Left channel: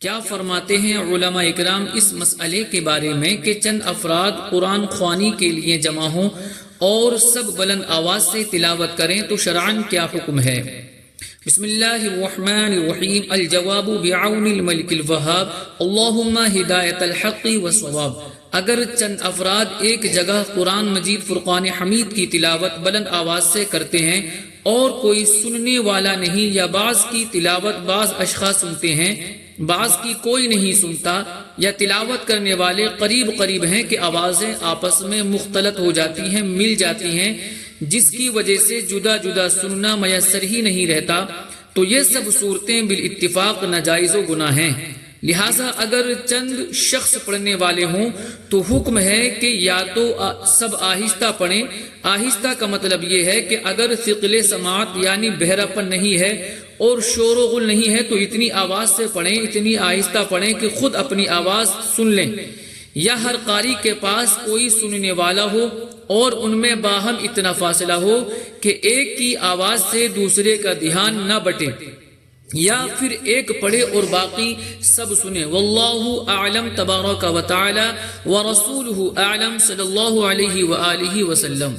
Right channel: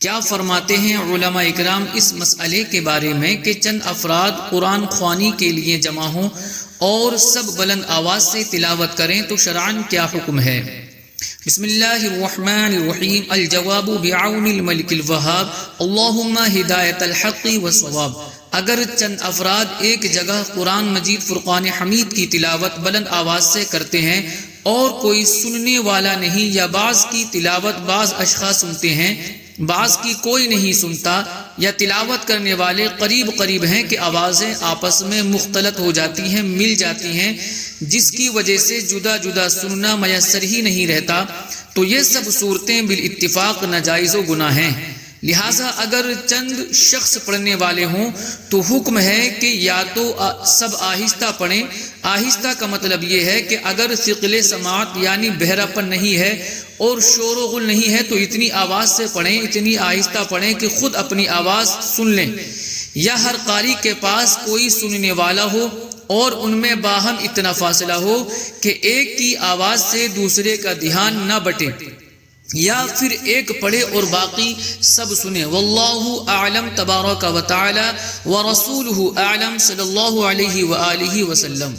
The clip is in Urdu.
کیا فرماتے ہیں علماء اکرام اس مسئلے کے بارے میں کہ چند افراد قرآن خوانی کے لیے جمع ہوں اور سب بلند آواز سے تلاوت کریں تو شرعاً کیا حکم ہے؟ بسم اللہ الرحمن الرحیم۔ الجواب بعون الملک الوہاب، اللہم ہدایت الحق والصواب۔ اگر چند افراد ایک جگہ قرآن مجید فرقان حمید کی تلاوت بلند آواز سے کرتے ہیں اور کوئی سننے والا نہیں، یا بعض کی تلاوت بعض اشخاص سنتے ہیں بعض کی کوئی نہیں سنتا، یا تلاوت کرنے والے قریب ہیں کہ آوازیں آپس میں مختلط ہو جاتی ہیں، مل جاتی ہیں، جس کی وجہ سے جدا جدا سننا میسر ہی نہیں رہتا، تو یہ سب صورتیں بالاتفاق ناجائز و گناہ ہیں۔ لہٰذا اگر چند شخص پڑھنے والے ہوں تو حکم ہے کہ یا تو سب آہستہ پڑھیں۔ آہستہ کا مطلب یہ ہے کہ اگر ثقل سماعت یعنی بہرا پن نہیں ہے اور شور و غل نہیں ہے تو اتنی آواز سے پڑھیں، اتنی آہستہ پڑھیں کہ خود اپنی آواز سن لیں، یا ہر قاری کے پاس کوئی سننے والا ہو اور ان میں باہم اتنا فاصلہ ہو کہ ایک کی آواز سے دوسرے کا دھیان نہ بٹے، یا پھر ایک پڑھے اور باقی سب سنے۔ واللہ اعلم تبارک و تعالی ورسولہ اعلم صلی اللہ علیہ وآلہ وسلم۔